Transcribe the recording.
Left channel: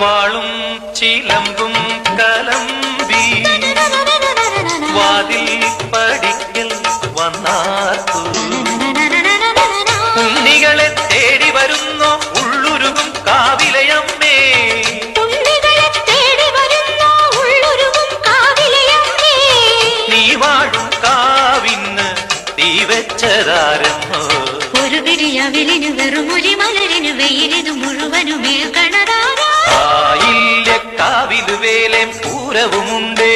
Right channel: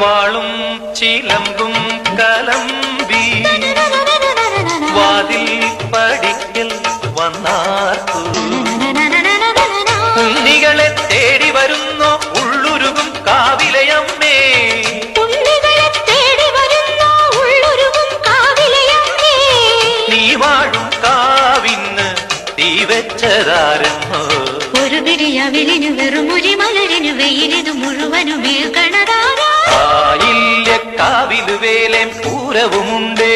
വാളും ചിലമ്പും കലമ്പി വാതിൽ പടിക്കൽ വന്നാർക്കു ഉണ്ണികളെ തേടി വരുന്നു ഉള്ളുരുകും കാവിലയമ്മേ നീ വാഴും കാവിന്ന് തീ വെച്ചതാരമ്മോ ഒരു വിരിയവിളിന് വെറുമൊഴി മലരിന് വെയിലിന് മുഴുവനും വീഴ്ത്തണതാരാ കാവിലു വേലം പൂരവുമുണ്ടേ.